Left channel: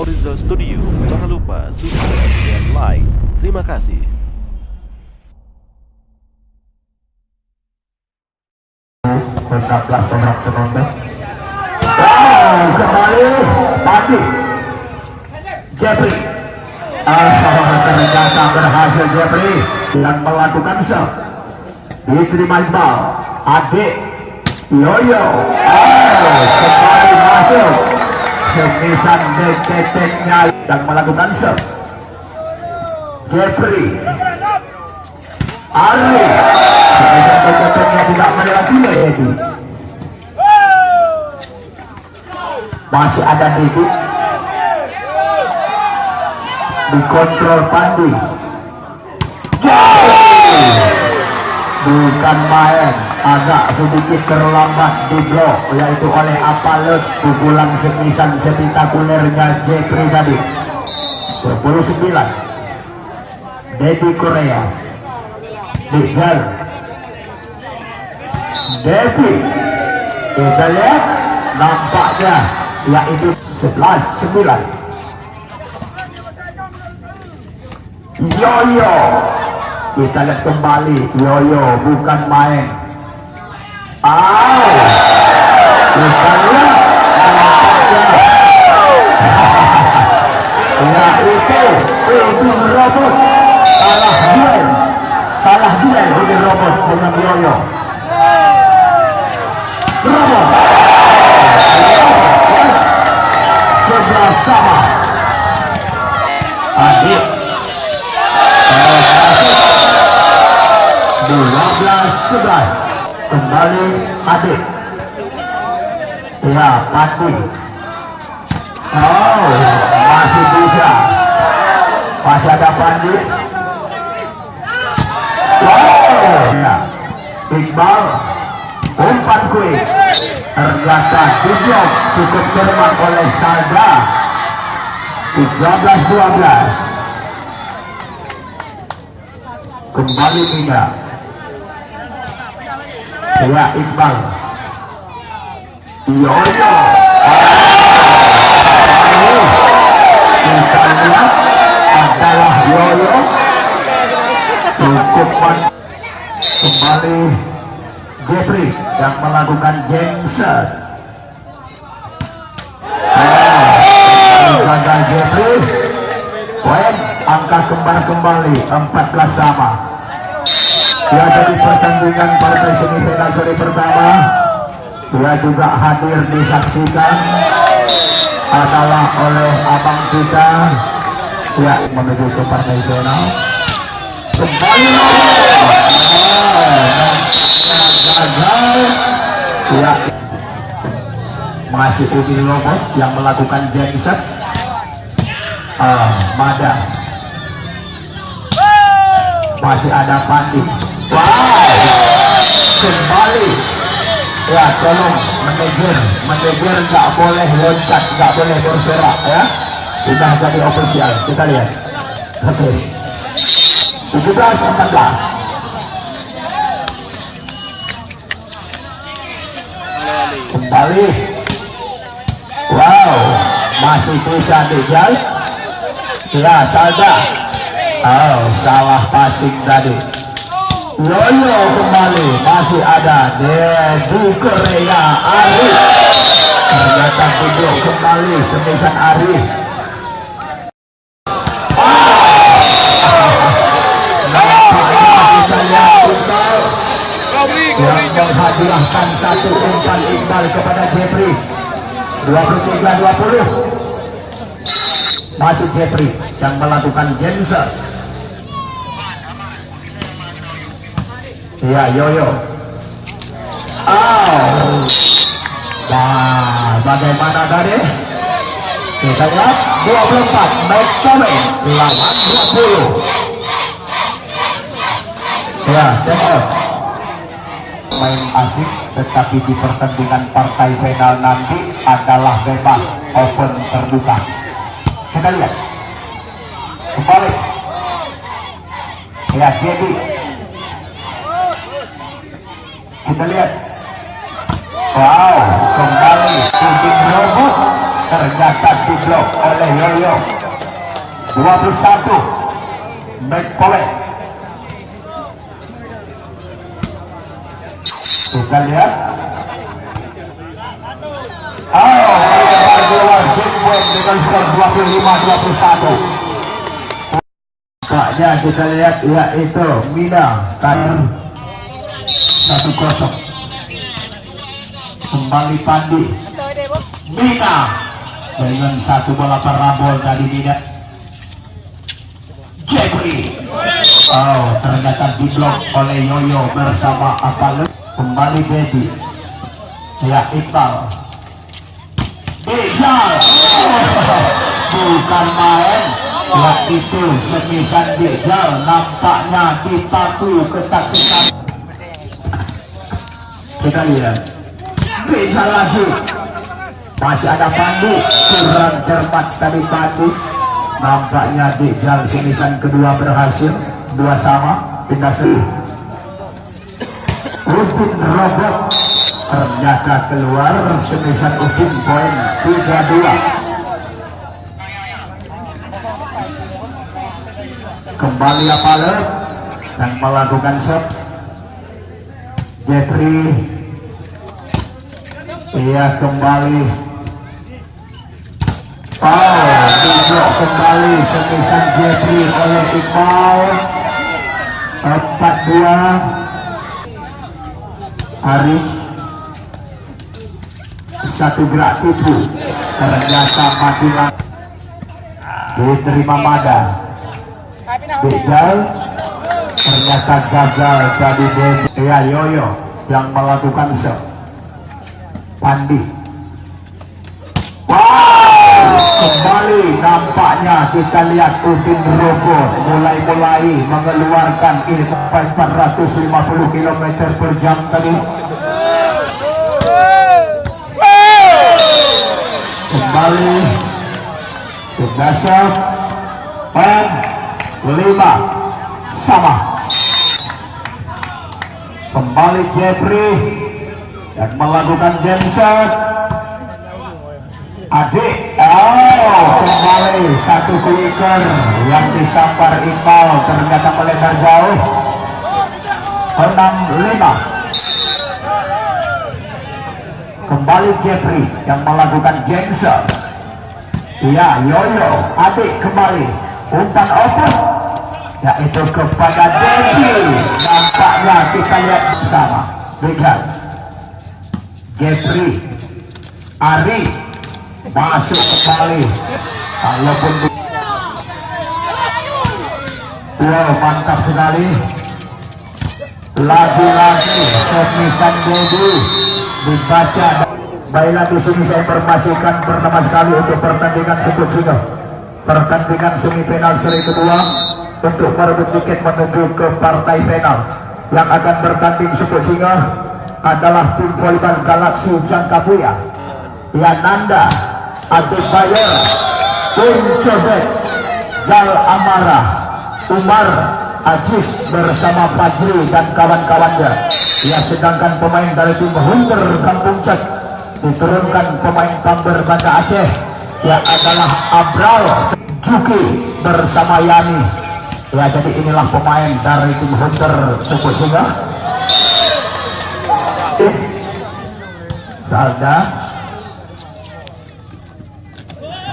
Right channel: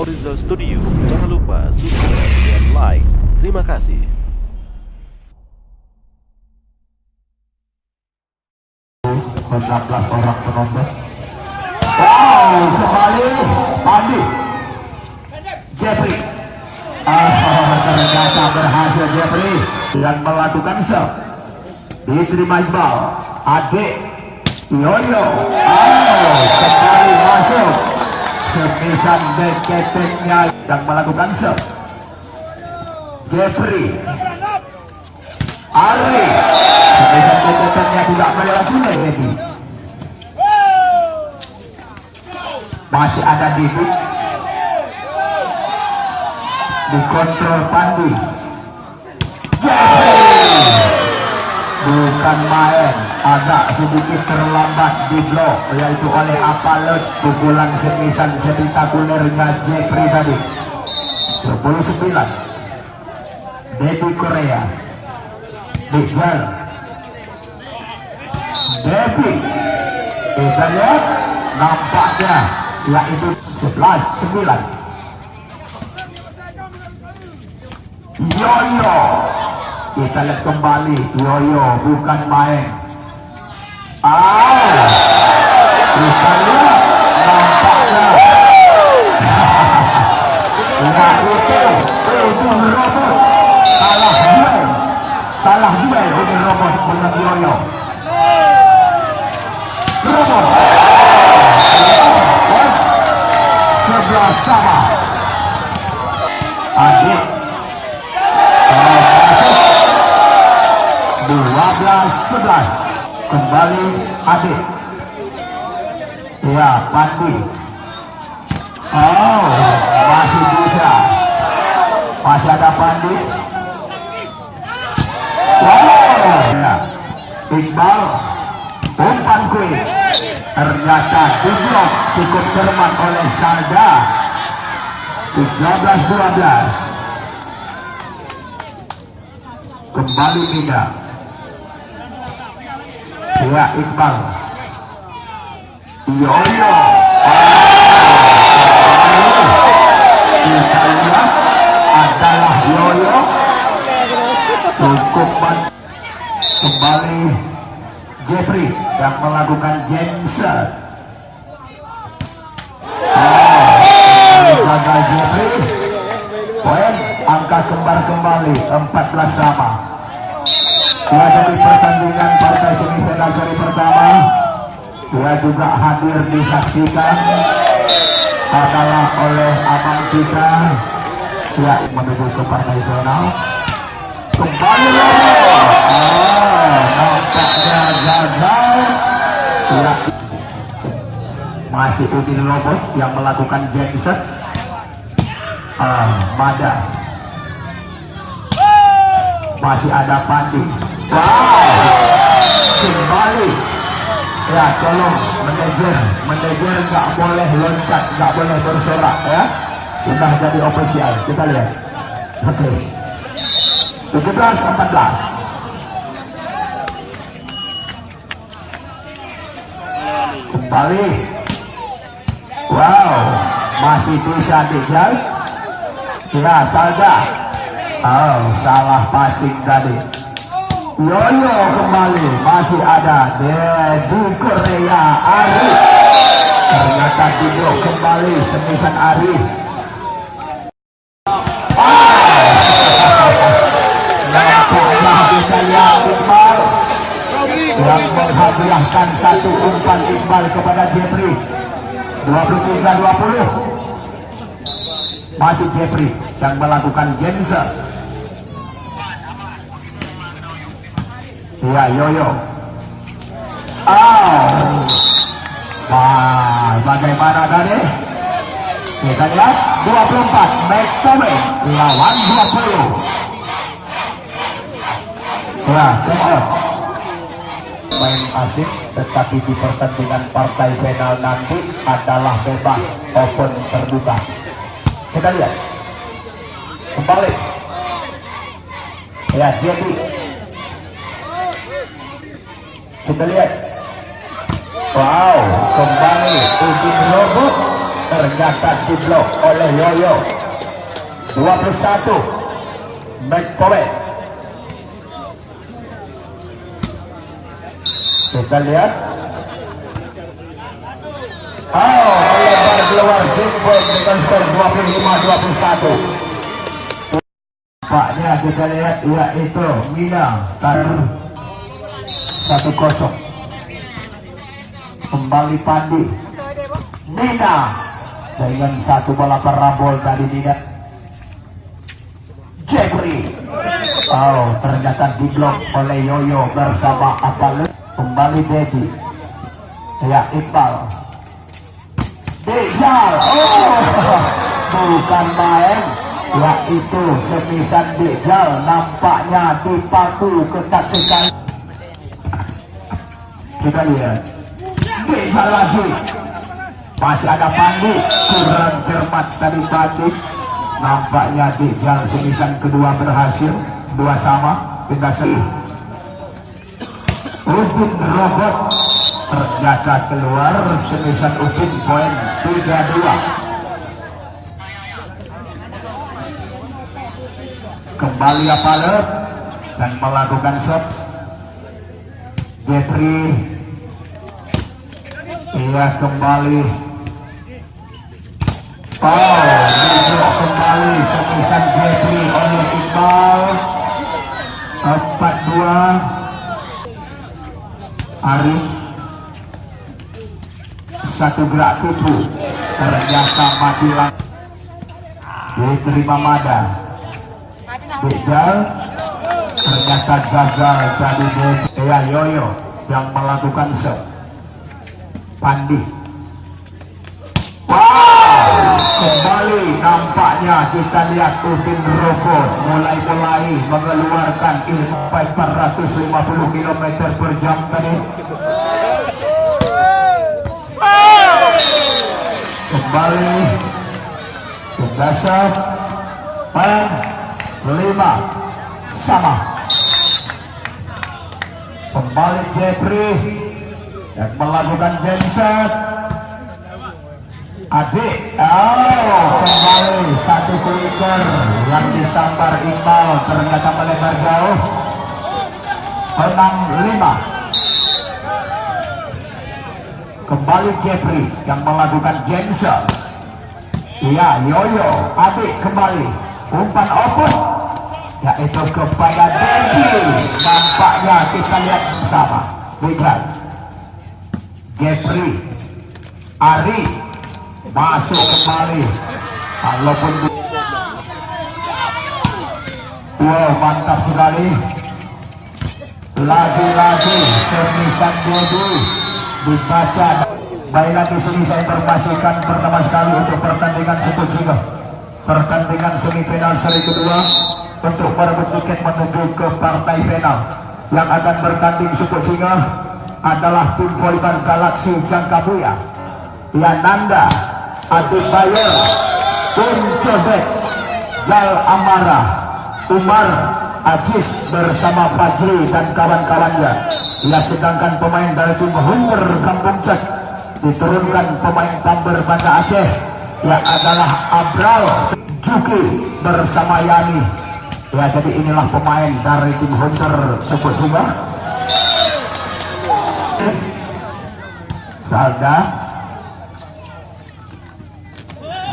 Orizo Studio. Jangan lupa subscribe dan like. Terima kasih. Kembali Pandi Jeffrey. Ternyata berhasil Jeffrey yang melakukan serve. Diterima Iqbal. Adik Yoyo. Kembali masuk. Semisan deketeknya yang melakukan serve. Jeffrey. Ari. Semisan deketeknya tidak menyerah Devi. Masih ada Devi. Dikontrol Pandi. Bukan main, agak sedikit terlambat di blok, yaitu oleh Apalut. Pukulan semisan spektakulernya Jeffrey tadi. 10-9 Devi Korea. Dijal Devi. Kita lihat nampaknya yaitu 11-9. Yoyo. Kita lihat kembali Yoyo, bukan main. Bukan itu robot. Kalah duel ini robot dengan Yoyo. Robot 11 sama. Adik 12-11. Kembali Adik. Ya, Pandi. Masih bisa. Masih ada Pandi. Ya. Iqbal. Umpan quick. Ternyata Diblok cukup cermat oleh Salda. 13-12. Kembali Mida. Ya, Iqbal. Yoyo. Kita lihat adalah Yoyo. Cukup kembali Jeffrey yang melakukan gengser. Langkah Jeffrey. Poin angka kembar kembali 14 sama. Dia dari pertandingan partai semifinal seri pertama. Dia juga hadir disaksikan adalah oleh abang kita. Dia menuju ke partai final. Kembali. Nampaknya gagal. Ya, masih Udi Lobo yang melakukan genset. Mada. Masih ada Pandi. Kembali. Ya, tolong manajer nggak boleh loncat, nggak boleh bersorak ya. Kita jadi official. Kita lihat. Oke. 17-14. Kembali. Wow, masih bisa dijal. Ya, Salda. Salah passing tadi. Yoyo kembali, masih ada Devi Korea. Arif. Ternyata Diblok kembali semisan Arif. Yang menghadiahkan satu umpan Iqbal kepada Jeffrey. 23-20. Masih Jeffrey yang melakukan genser. Ya, Yoyo. Wah, bagaimana tadi? Kita lihat 24 back to back lawan 20. Ya, TF. Main asik, tetapi di pertandingan partai final nanti adalah bebas, open terbuka. Kita lihat. Kembali. Ya, jadi kita lihat. Wow, kembali. ternyata diblok oleh Yoyo. 21 back polet. Kita lihat. Oh, melebar keluar jempol dengan skor 25-21. Nampaknya kita lihat yaitu Mina 1-0. Kembali Pandi. Mina dengan satu bola perabol dari Mina. Jeffrey. Oh, ternyata diblok oleh Yoyo bersama Apale. Kembali Dedi. Ya Iqbal. Ijal. Oh, bukan main. Yaitu semisan Ijal nampaknya dipaku ketat sekali. Kita lihat. Ijal lagi. Masih ada Pandi. Kurang cermat tadi Pandi. Nampaknya Ijal semisan kedua berhasil. 2 sama. Pindah seri. Udin Robot ternyata keluar semisan Udin poin 3-2. Kembali Apale yang melakukan shot. Jeffrey. Ia kembali. Oh, diblok kembali semisan Jeffrey oleh Iqbal. 4-2. Hari satu gerak tipu ternyata Matiman diterima Mada. Ijal ternyata gagal jadi Yoyo yang melakukan shot. Pandi. Wow, kembali nampaknya kita lihat Udin Robo mulai mengeluarkan ini sampai 450 km per jam tadi. Kembali Dasar dan 5 sama. Kembali Jeffrey yang melakukan jam shot. Adik, kembali satu flicker yang disambar Iqbal ternyata melebar jauh. 6-5. Kembali Jeffrey yang melakukan jam shot. Ya, Yoyo, Adik kembali umpan open yaitu kepada Dedi. Nampaknya kita lihat bersama. Lihat Jeffrey, Ari masuk kembali. Wow, mantap sekali. Lagi-lagi semisan Dedi dibaca. Baiklah, di sini saya informasikan pertama sekali untuk pertandingan sebut singa. Pertandingan semifinal seri kedua untuk merebut tiket menuju ke partai final. Yang akan bertanding sebut singa adalah tim volleyball Galaksi Jangkabuya. Yananda, Adik Bayer, Tim Codek, Gal Amara, Umar, Ajis bersama Fajri dan kawan-kawannya. Ya, sedangkan pemain dari tim Hunter Kampung Cek diturunkan pemain Tamber Banda Aceh yang adalah Abral Juki bersama Yani. Ya, jadi inilah pemain dari tim Hunter Cekut Singa. Sada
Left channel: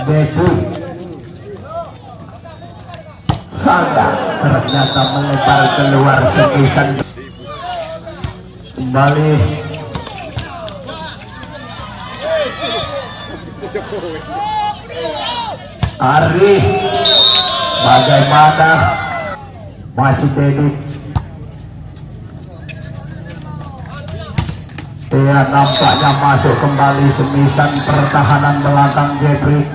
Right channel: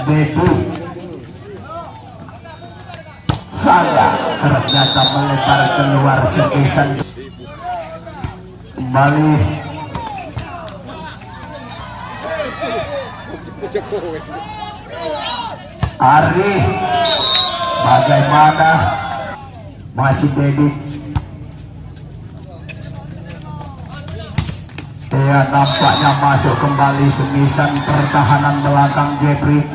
Bedu Sada ternyata melebar keluar sepisan. Kembali Ari, bagaimana masih Dedi. Ia nampaknya masuk kembali semisan pertahanan belakang Jeffrey.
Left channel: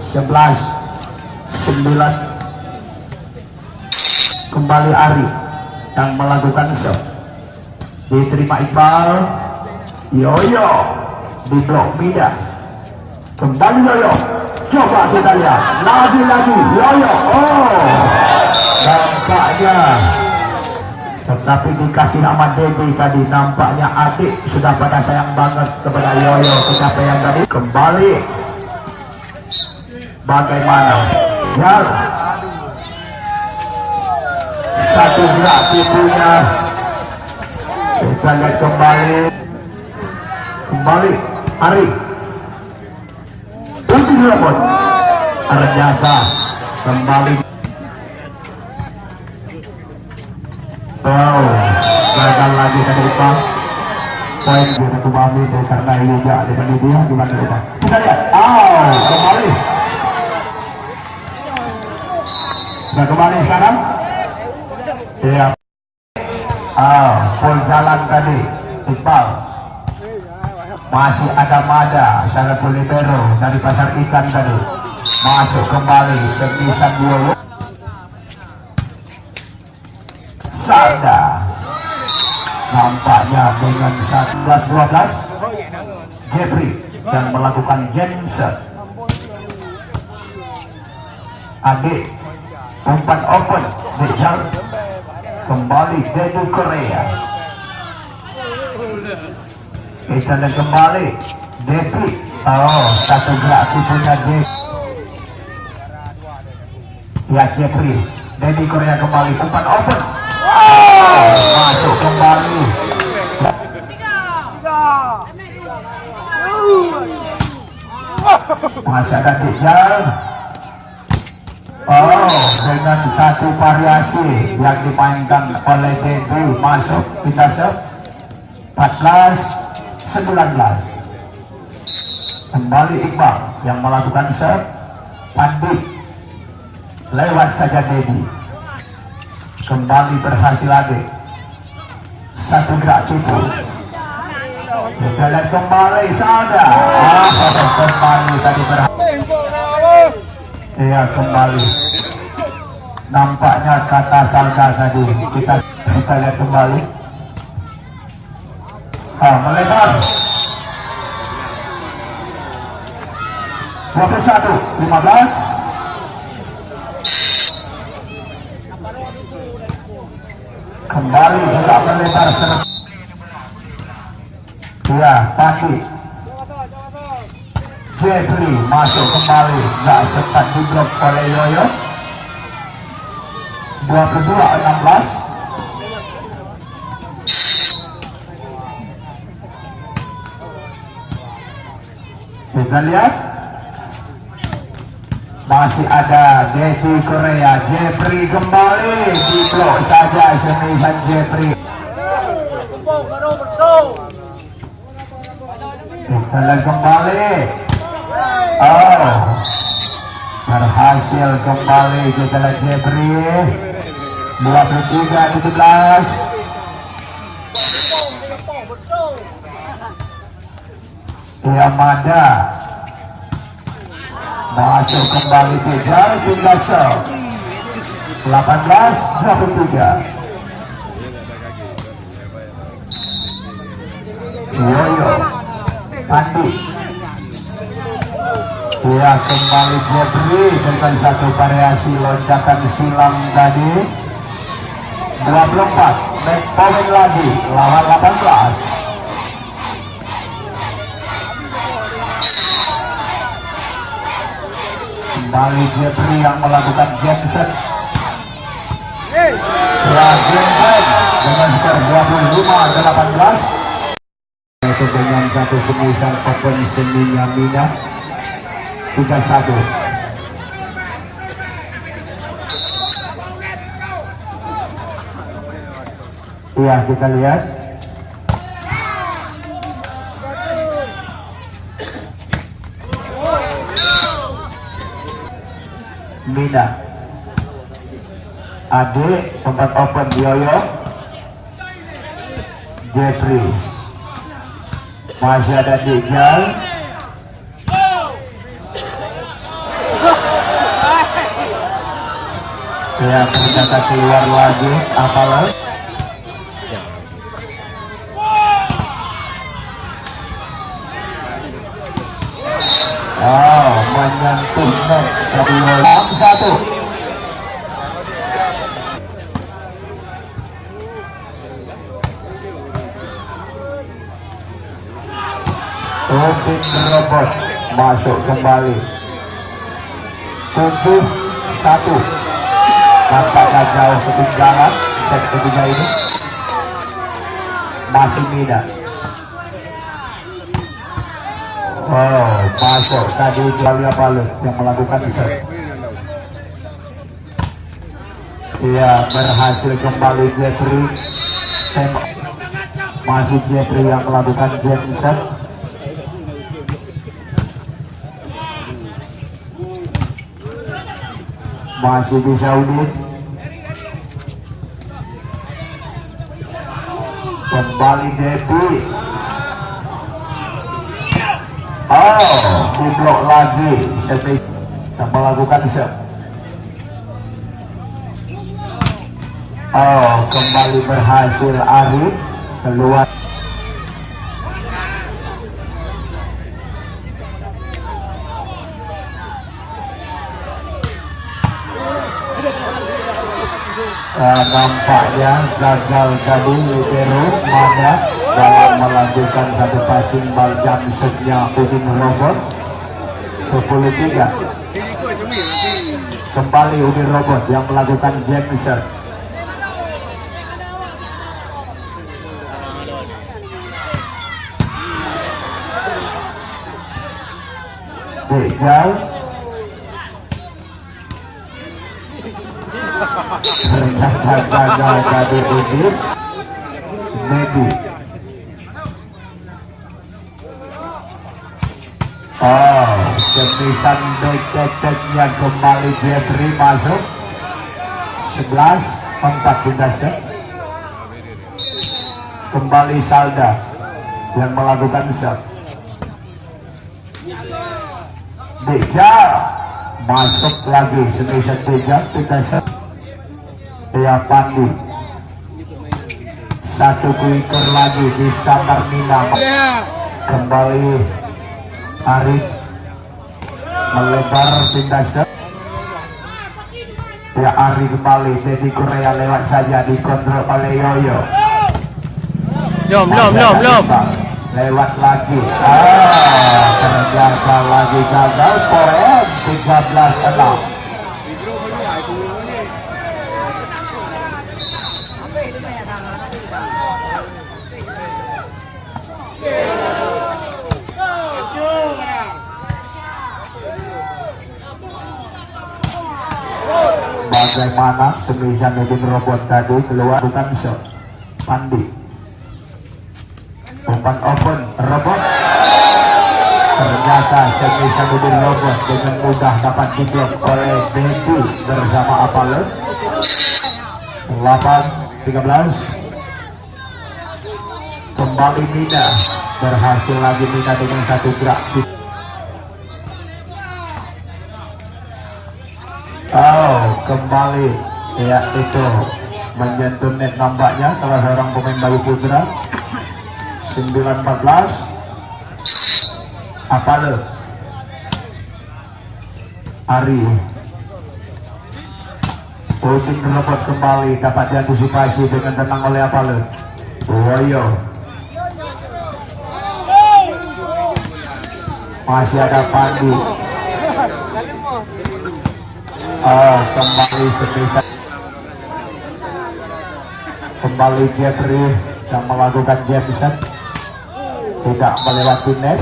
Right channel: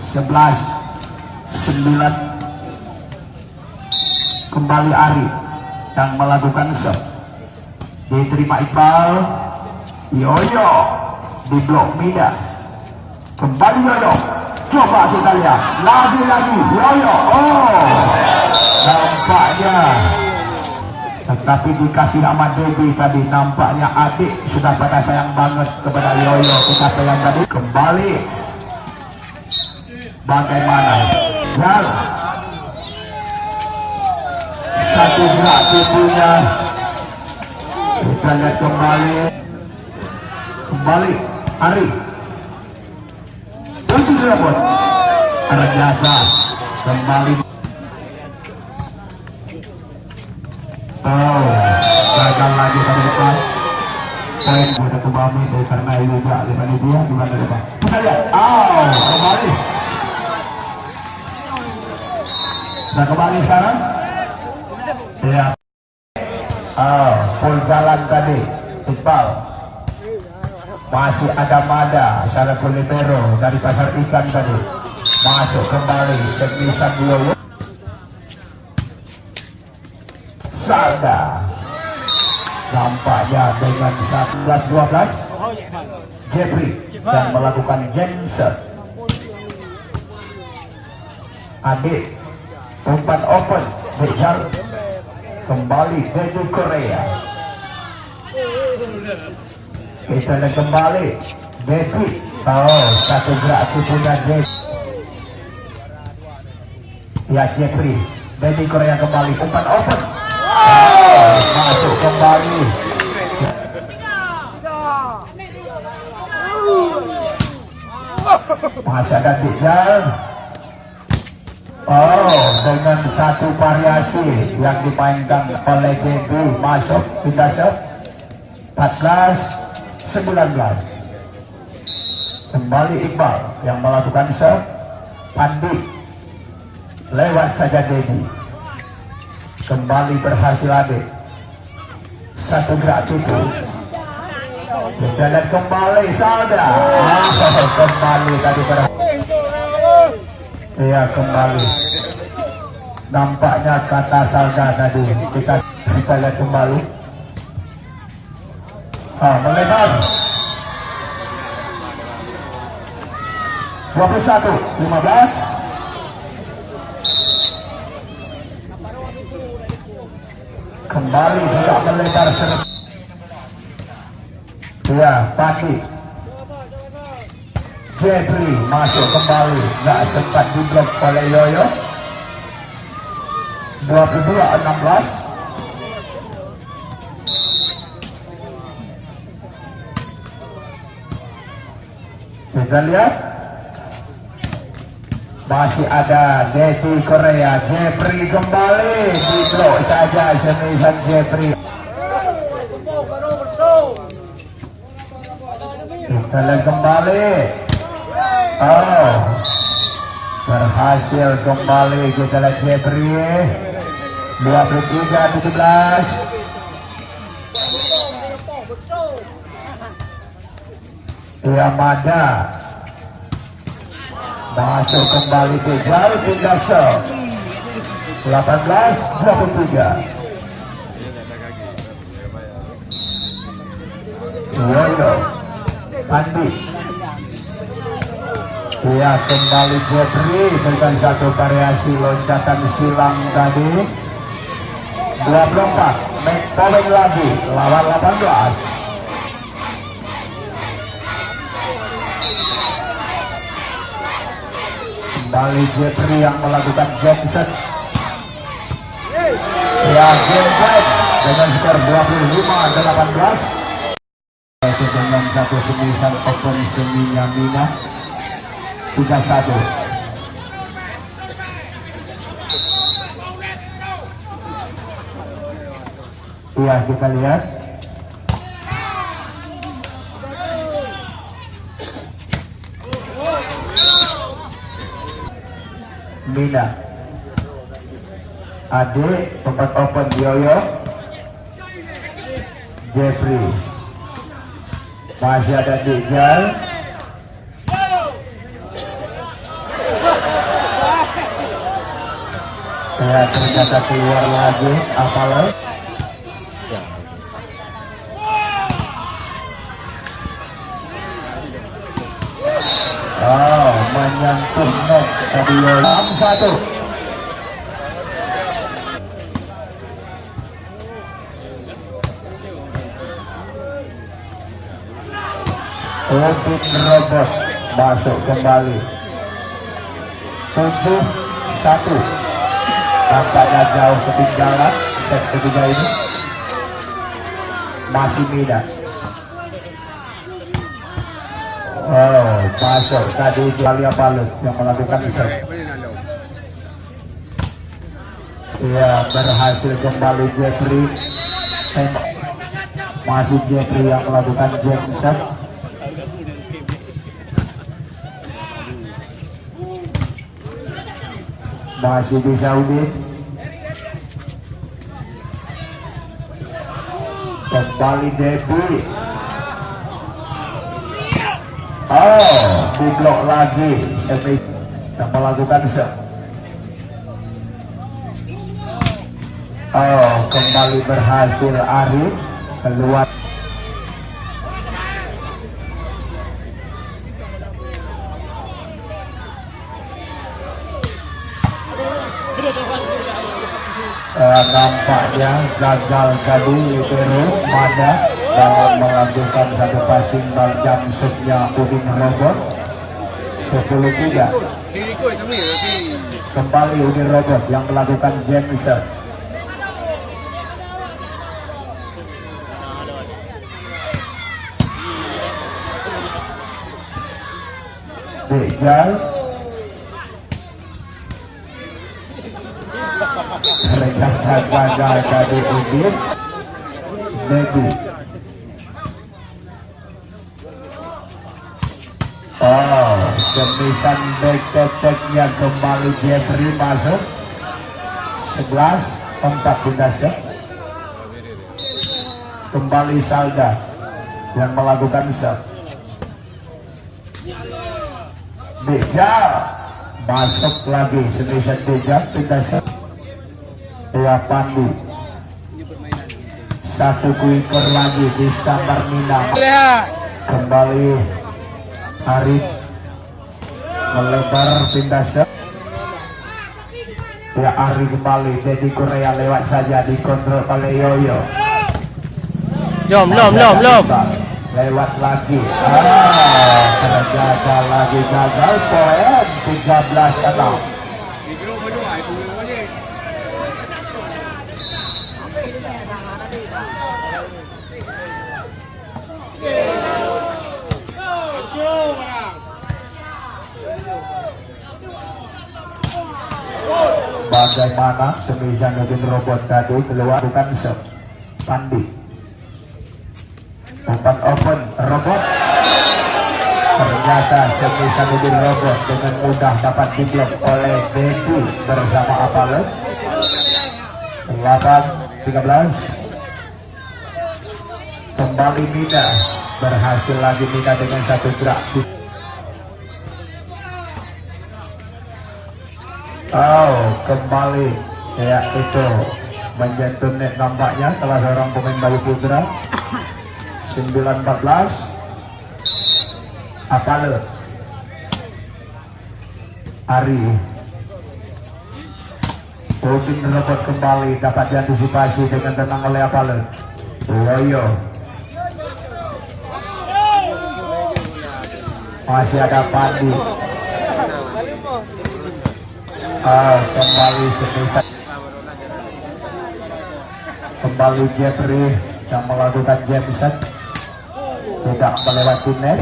11-9. Kembali Ari yang melakukan shot. Diterima Iqbal. Yoyo diblok Mida. Kembali Yoyo. Coba kita lihat. Lagi-lagi Yoyo. Oh, nampaknya. Tetapi dikasih nama Debbie tadi. Nampaknya Adik sudah pada sayang banget kepada Yoyo. Kepada yang tadi. Kembali Bagaimana? Yang satu gerak tubuhnya. Kita lihat kembali. Ari. Lebih lemot. Ternyata kembali. Wow, gagal lagi ke depan. Baik dengan Dumami karena Yuga dibanding dia di depan. Kita lihat. Kembali. Nah, kembali sekarang. Ya. Pun jalan tadi. Iqbal. Masih ada Mada, Syariful Libero dari pasar ikan tadi. Masuk kembali sepisan Yoyo. Sada. Nampaknya dengan 11-12 Jeffrey dan melakukan jab set. Adik umpan open Bejal. Kembali dari Korea. Kita lihat kembali Devi. Satu gerak tubuhnya Devi. Ya Jeffrey. Devi Korea kembali umpan open. Masuk kembali. Masih ada Bejal. Dengan satu variasi yang dimainkan oleh Devi masuk kita 14-19. Kembali Iqbal yang melakukan serve. Pandit lewat saja Devi. Kembali berhasil adik. Satu gerak tubuh. Kita lihat kembali Salda. Kembali tadi berhasil. Ya kembali. Nampaknya kata Salda tadi. Kita lihat kembali. Melebar 21-15. Kembali juga melebar serut. Ya, Pandi Jeffrey masuk kembali. Gak sempat diblok oleh Yoyo. 22-16. Kita lihat masih ada Devi Korea. Jeffrey kembali diblok saja semisan Jeffrey. Kita lihat kembali. Berhasil kembali. Kita lihat Jeffrey 23-17. Yamada masuk kembali Bejal hingga 18-23. Yoyo Andi. Ya kembali Jeffrey dengan satu variasi loncatan silam tadi. 24 naik poin lagi lawan 18. Kembali Jeffrey yang melakukan Jensen. Ya Jensen dengan skor 25-18. Itu dengan satu semisan open seninya Mina 3-1. Ya kita lihat. Mina Ade tempat open Yoyo. Jeffrey masih ada Dijal. Ya ternyata keluar lagi Amalan. Menyentuh net dari 1. Robin Robot masuk kembali. 7-1. Nampaknya jauh ketinggalan set kedua ini. Masih Mina. Oh, masuk tadi Balia Palu yang melakukan set. Dia berhasil kembali Jeffrey. Masih Jeffrey yang melakukan set. Masih di Saudi. Kembali Devi. Oh, kublok lagi. Sepi yang melakukan set. Oh, kembali berhasil Arif keluar. Nampaknya gagal tadi Libero Mada dalam melakukan satu passing bal jam setnya Udin Robot 10-3. Kembali Udin Robot yang melakukan Jameson. Bejal ternyata dari Udin Mendy. Oh, kepisan back yang kembali Jeffrey masuk 11-4 Dinasya. Kembali Salda yang melakukan set. Bejal masuk lagi Indonesia Bejal Dinasya. Ya Pandi. Satu klinker lagi di Samar Mina. Kembali Arif melebar pindah set. Ya Arif kembali Teddy Korea lewat saja dikontrol oleh Yoyo. Lewat lagi. Ternyata lagi gagal poin 13-6. Bagaimana semisal jadi robot tadi keluar bukan shot. Pandi umpan open robot, ternyata semisal jadi robot dengan mudah dapat diblok oleh Bentu bersama Apale. 8-13. Kembali Mina, berhasil lagi Mina dengan satu gerak. Oh, kembali ya itu menyentuh net nampaknya salah seorang pemain Bayu Putra. 9-14. Apale Ari Udin robot kembali dapat diantisipasi dengan tenang oleh Apale. Woyo masih ada Pandi. Oh, kembali semisal kembali Jeffrey yang melakukan Jameson tidak melewati net.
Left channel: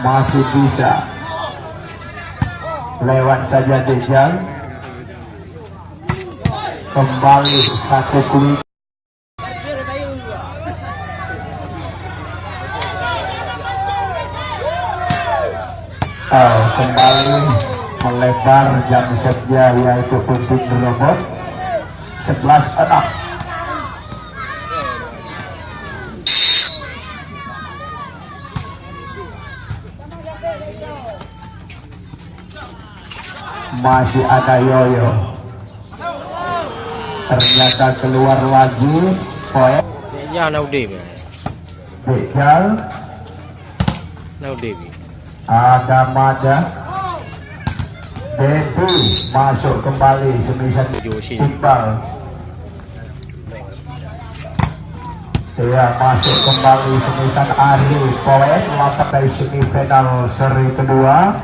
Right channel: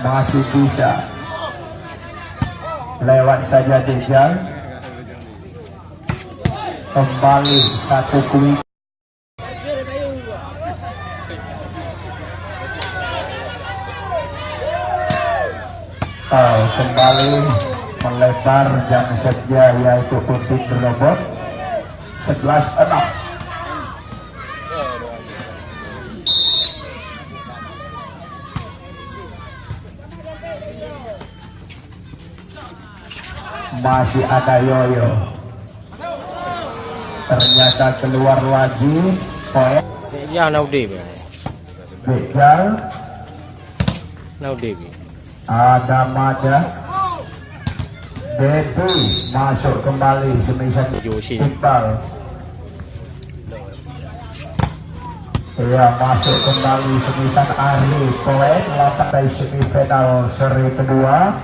Masih bisa lewat saja Dejal. Kembali satu kuing. Kembali melebar yang setnya yaitu Udin robot 11-6. Masih ada Yoyo, ternyata keluar lagi poin. Bejal ada Mada. Devi masuk kembali semisal Iqbal. Ya, masuk kembali Semisan Ari Poet lantak dari semifinal seri kedua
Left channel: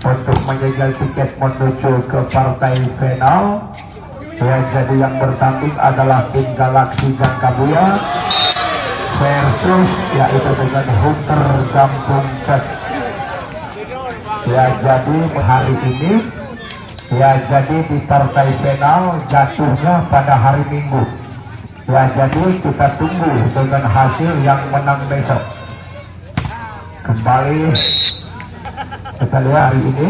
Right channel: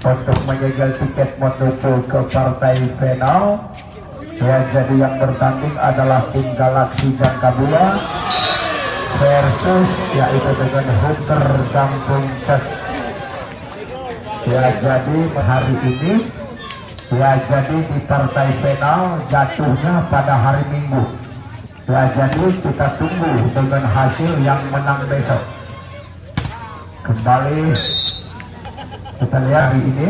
untuk menyegel tiket menuju ke partai final. Ya, jadi yang bertanding adalah tim Galaksi Jangkabua versus yaitu dengan Hunter Kampung Cet. Ya, jadi hari ini ya, jadi di partai final jatuhnya pada hari Minggu. Ya, jadi kita tunggu dengan hasil yang menang besok. Kembali kita lihat hari ini.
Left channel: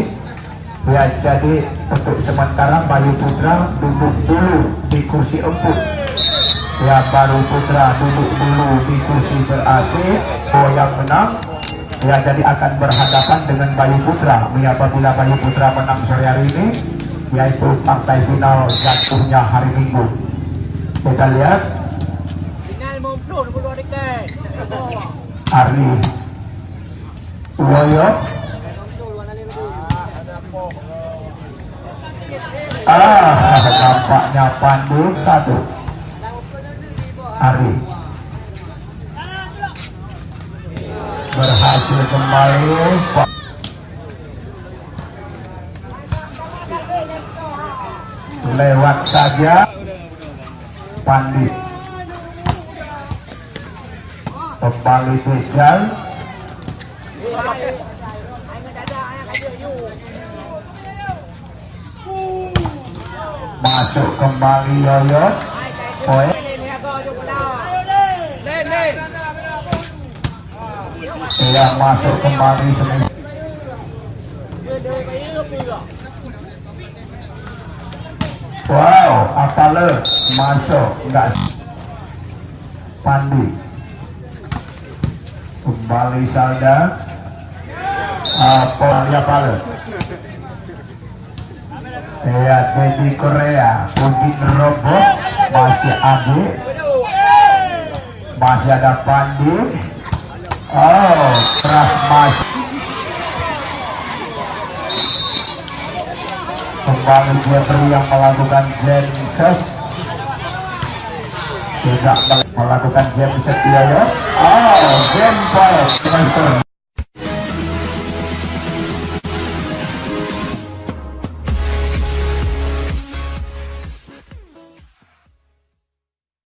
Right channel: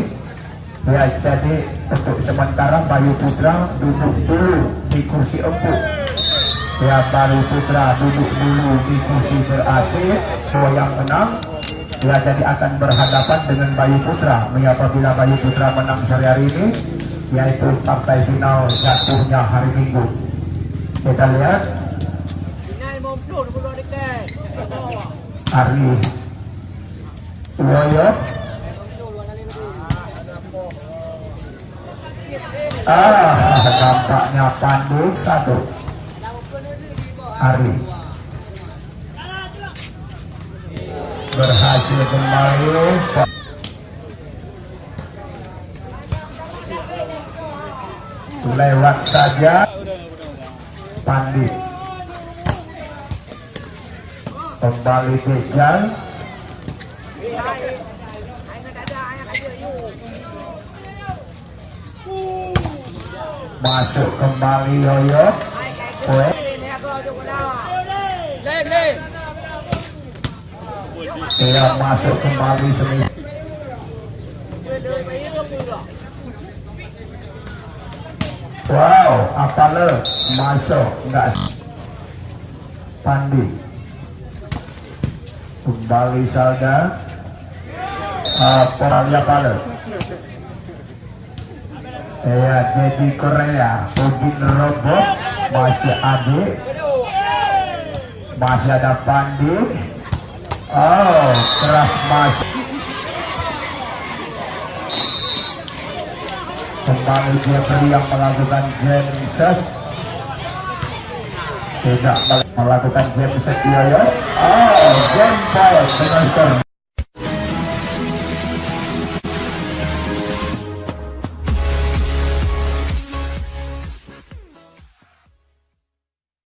Ya, jadi untuk sementara Bayu Putra duduk dulu di kursi empuk. Ya, baru Putra duduk dulu di kursi ber-AC. Yang menang ya, jadi akan berhadapan dengan Bayu Putra. Ya, apabila Bayu Putra menang sore hari ini, yaitu partai final jatuhnya hari Minggu. Kita lihat Ari Woyo nampaknya Pandu satu Ari berhasil kembali lewat saja Pandit kembali Bejan masuk kembali Yoyo Poet iya masuk kembali semi. Wow, Apale masuk enggak Pandi kembali Salda Apale ya Dedi Korea Udin Robo masih Abi masih ada Pandi keras masuk kembali dia beri yang melakukan Jensen tidak melakukan Jensen dia ya Jensen